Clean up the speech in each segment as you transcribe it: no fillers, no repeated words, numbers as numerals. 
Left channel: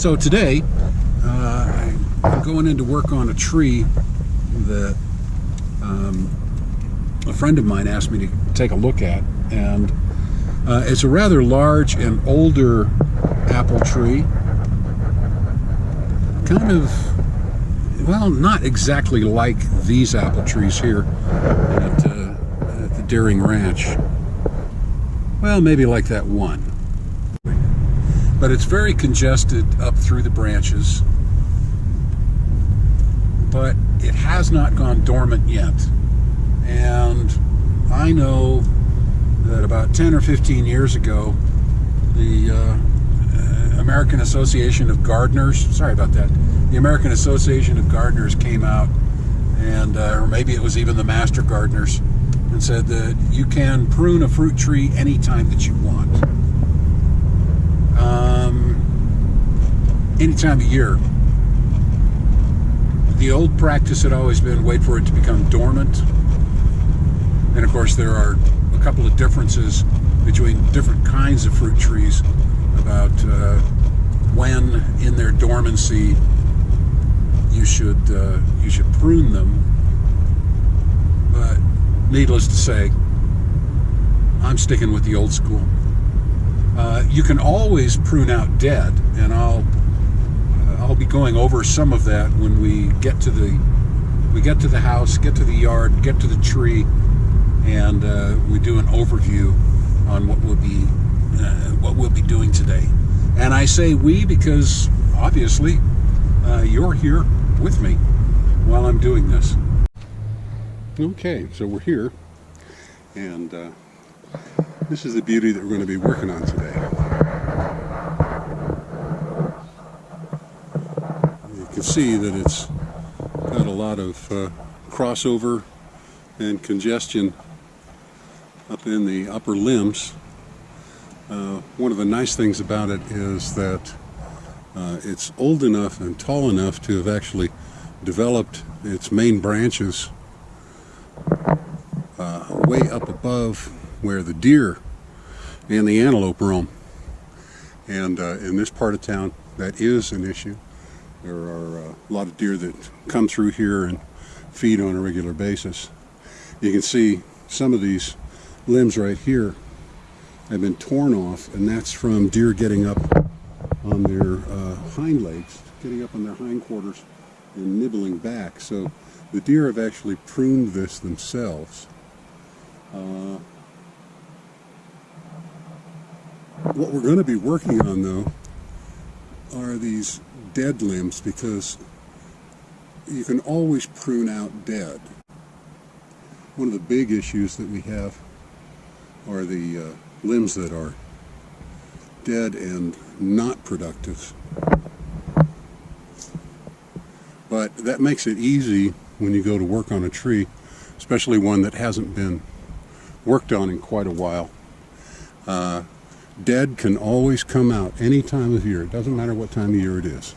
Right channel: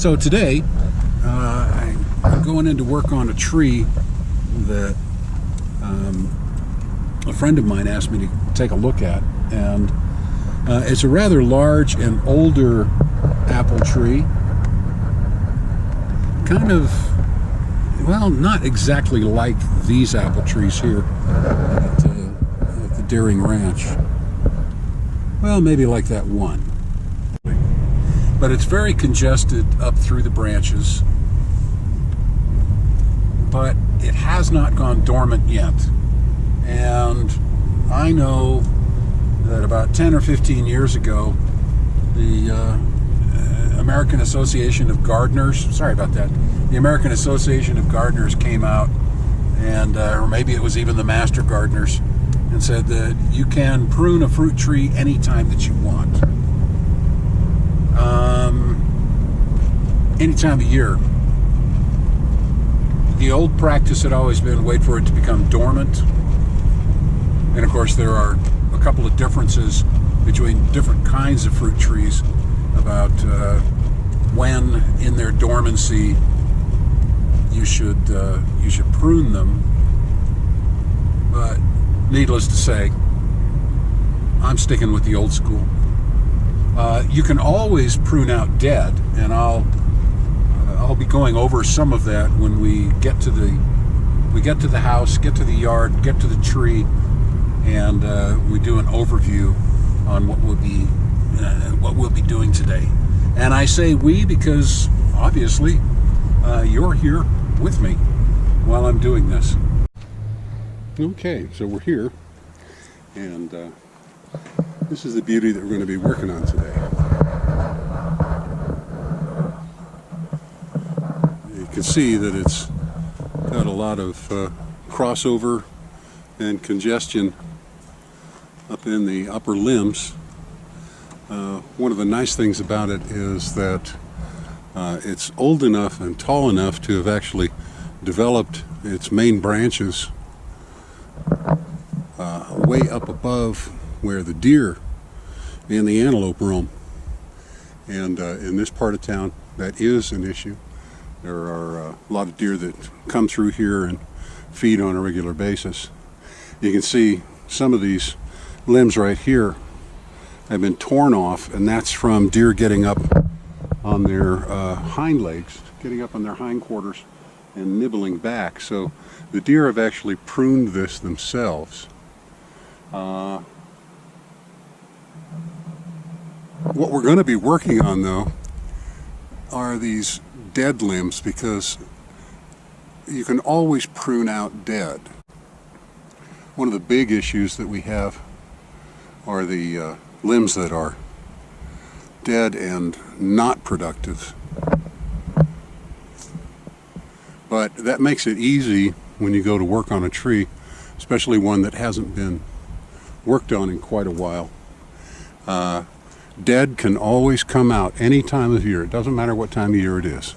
So today, I'm going in to work on a tree that a friend of mine asked me to take a look at, and it's a rather large and older apple tree. Kind of, well, not exactly like these apple trees here at the Deering Ranch. Well, maybe like that one. But it's very congested up through the branches. But it has not gone dormant yet. And I know that about 10 or 15 years ago, the American Association of Gardeners, sorry about that, the American Association of Gardeners came out, and or maybe it was even the Master Gardeners, and said that you can prune a fruit tree anytime that you want. Any time of year. The old practice had always been wait for it to become dormant. And of course there are a couple of differences between different kinds of fruit trees about when in their dormancy you should prune them. But needless to say, I'm sticking with the old school. You can always prune out dead, and I'll be going over some of that when we get to the house, get to the yard, get to the tree, and we do an overview on what we'll be doing today. And I say we because obviously you're here with me while I'm doing this. Okay, so we're here, and this is the beauty that we're going to be working on today. You can see that it's got a lot of crossover and congestion up in the upper limbs. One of the nice things about it is that it's old enough and tall enough to have actually developed its main branches way up above where the deer and the antelope roam. And in this part of town, that is an issue. There are a lot of deer that come through here and feed on a regular basis. You can see some of these limbs right here have been torn off, and that's from deer getting up on their hind legs, getting up on their hindquarters and nibbling back. So the deer have actually pruned this themselves. What we're going to be working on, though, are these dead limbs, because you can always prune out dead. One of the big issues that we have are the limbs that are dead and not productive. But that makes it easy when you go to work on a tree, especially one that hasn't been worked on in quite a while. Dead can always come out any time of year. It doesn't matter what time of year it is.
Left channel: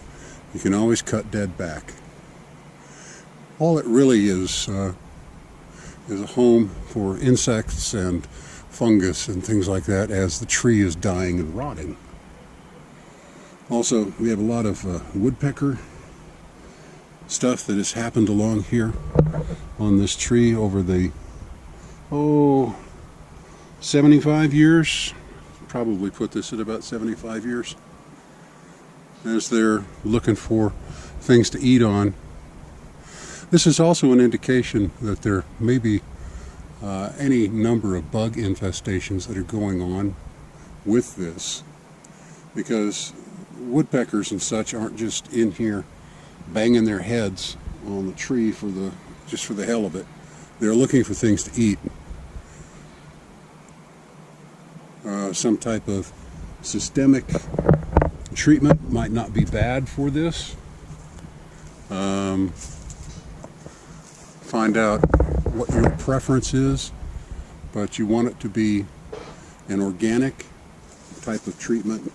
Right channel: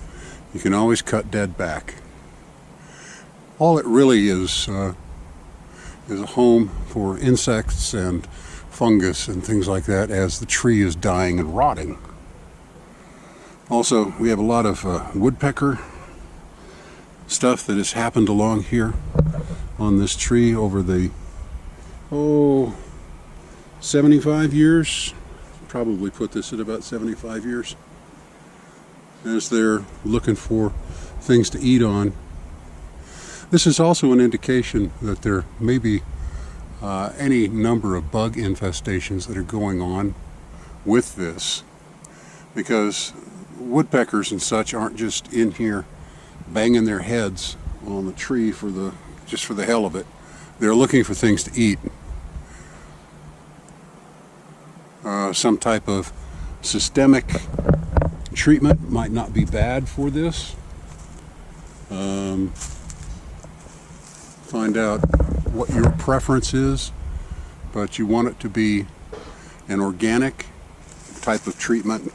You can always cut dead back. All it really is a home for insects and fungus and things like that as the tree is dying and rotting. Also, we have a lot of woodpecker stuff that has happened along here on this tree over the 75 years. Probably put this at about 75 years, as they're looking for things to eat on. This is also an indication that there may be any number of bug infestations that are going on with this, because woodpeckers and such aren't just in here banging their heads on the tree just for the hell of it. They're looking for things to eat. Some type of systemic treatment might not be bad for this. Find out what your preference is, but you want it to be an organic type of treatment,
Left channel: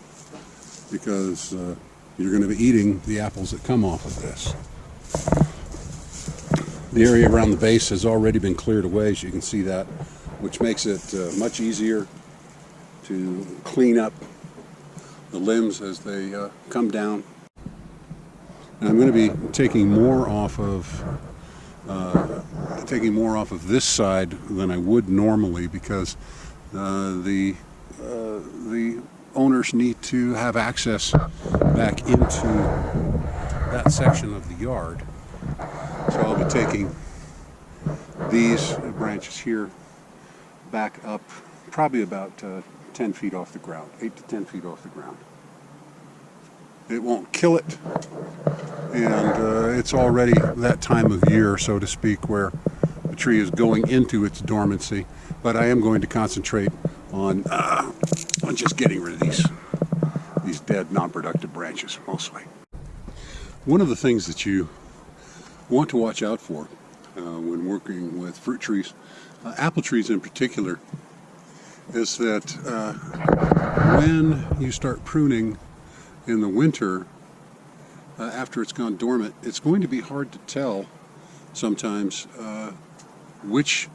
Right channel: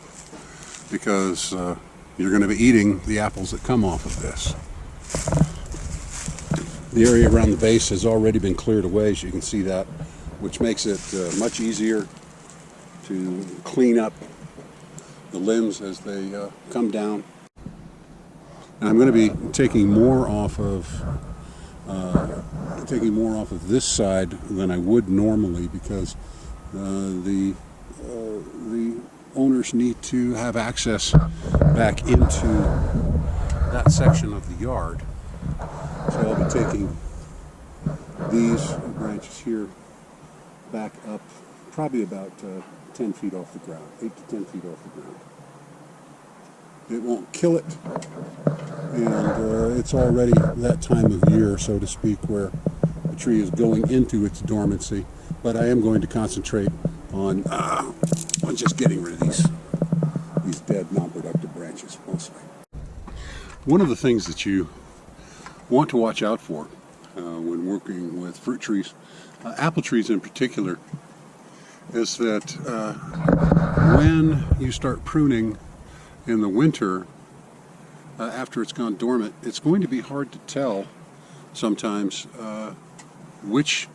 because you're going to be eating the apples that come off of this. The area around the base has already been cleared away, as you can see that, which makes it much easier to clean up the limbs as they come down And I'm going to be taking more off of this side than I would normally, because the owners need to have access back into that section of the yard. So I'll be taking these branches here back up probably about 10 feet off the ground, 8 to 10 feet off the ground. It won't kill it, and it's already that time of year, so to speak, where the tree is going into its dormancy. But I am going to concentrate on just getting rid of these dead, non-productive branches, mostly. One of the things that you want to watch out for when working with fruit trees, apple trees in particular, is that when you start pruning in the winter, after it's gone dormant, it's going to be hard to tell sometimes which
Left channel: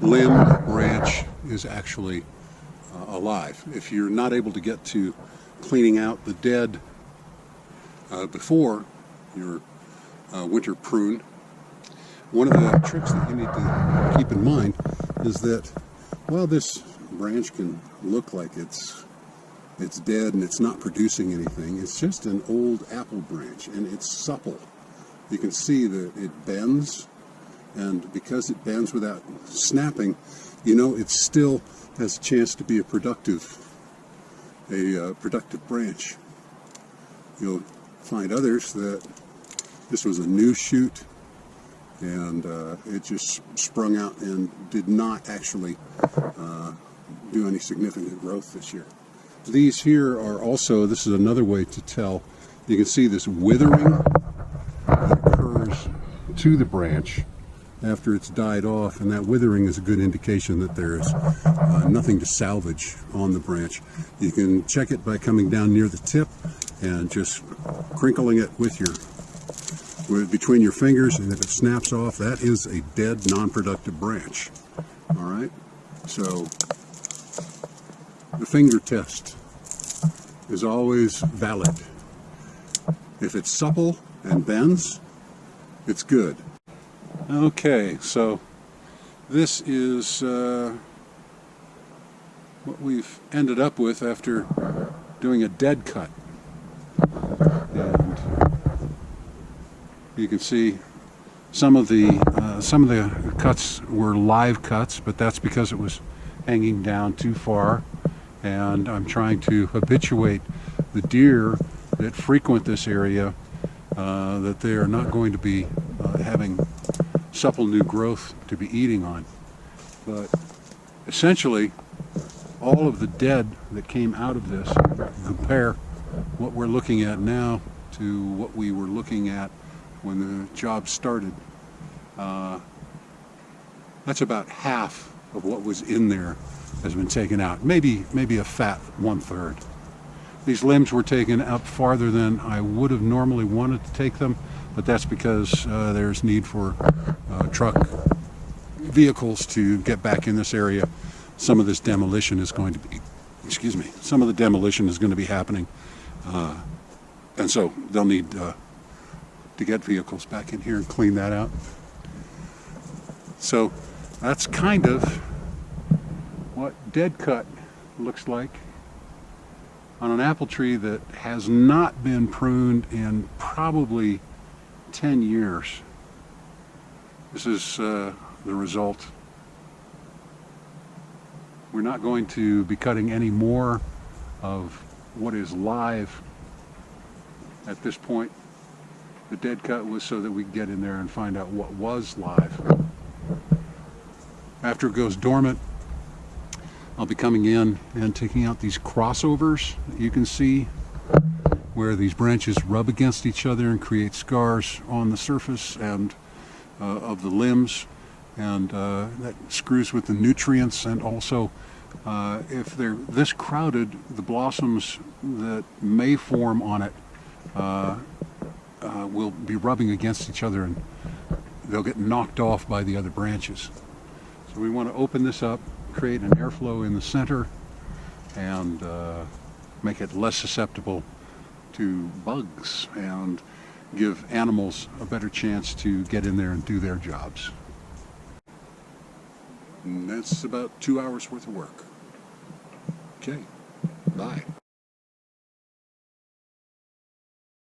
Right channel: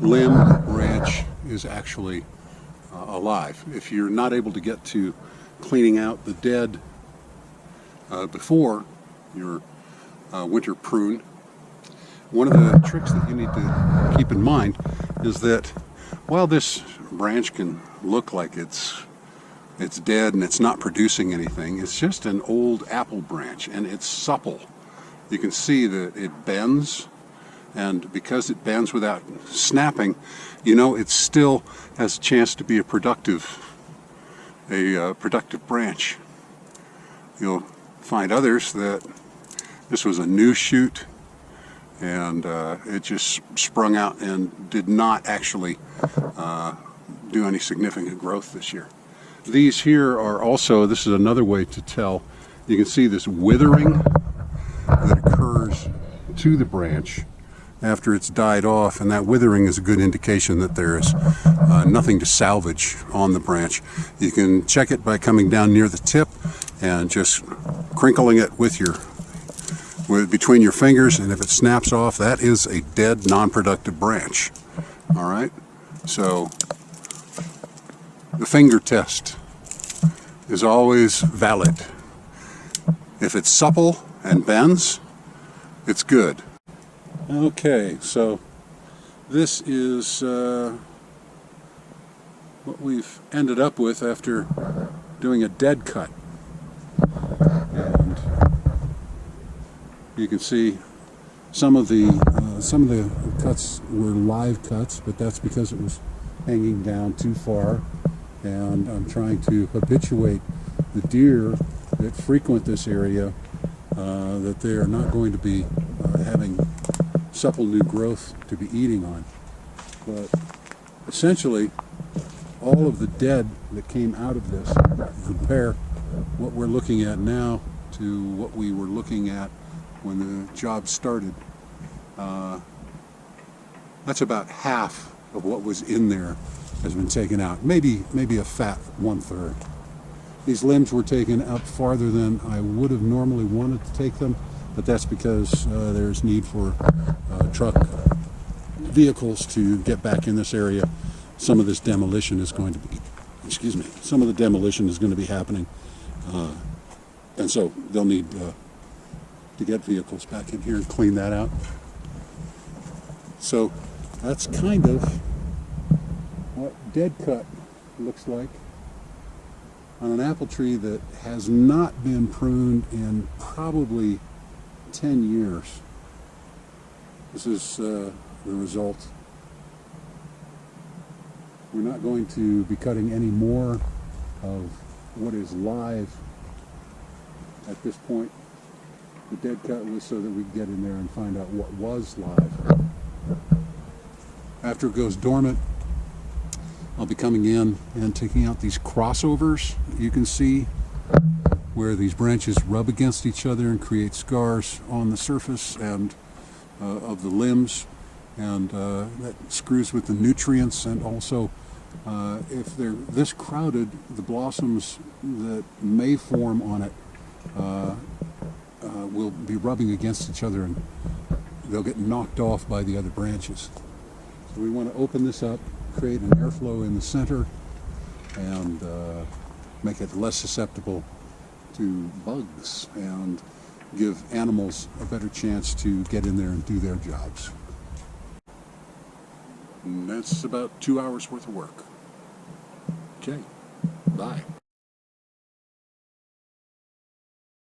limb or branch is actually alive. If you're not able to get to cleaning out the dead before your winter prune, one of the tricks that you need to keep in mind is that while this branch can look like it's dead and it's not producing anything, it's just an old apple branch, and it's supple. You can see that it bends, and because it bends without snapping, you know it still has a chance to be a productive branch. You'll find others that this was a new shoot, and it just sprung out and did not actually do any significant growth this year. These here are also, this is another way to tell. You can see this withering that occurs to the branch after it's died off, and that withering is a good indication that there is nothing to salvage on the branch. You can check it by coming down near the tip and just crinkling it between your fingers, and if it snaps off, that is a dead, non-productive branch. All right, so the finger test is always valid. If it's supple and bends, it's good. Okay, so this is what we've ended up with after doing a dead cut. And you can see some of the cuts were live cuts, but that's because it was hanging down too far. And I'm trying to habituate the deer that frequent this area that they are not going to be having supple new growth to be eating on. But essentially, all of the dead that came out of this, compare what we're looking at now to what we were looking at when the job started. That's about half of what was in there has been taken out. Maybe a fat 1/3. These limbs were taken up farther than I would have normally wanted to take them, but that's because there's need for truck vehicles to get back in this area. Some of this demolition is going to be, some of the demolition is going to be happening, and so they'll need to get vehicles back in here and clean that out. So that's kind of what dead cut looks like on an apple tree that has not been pruned in probably 10 years. This is the result. We're not going to be cutting any more of what is live at this point. The dead cut was so that we could get in there and find out what was live. After it goes dormant, I'll be coming in and taking out these crossovers that you can see where these branches rub against each other and create scars on the surface and of the limbs, and that screws with the nutrients. And also if they're this crowded, the blossoms that may form on it will be rubbing against each other, and they'll get knocked off by the other branches. So we want to open this up, create an airflow in the center, and make it less susceptible to bugs. And give animals a better chance to get in there and do their jobs. And that's about 2 hours worth of work. Okay, bye.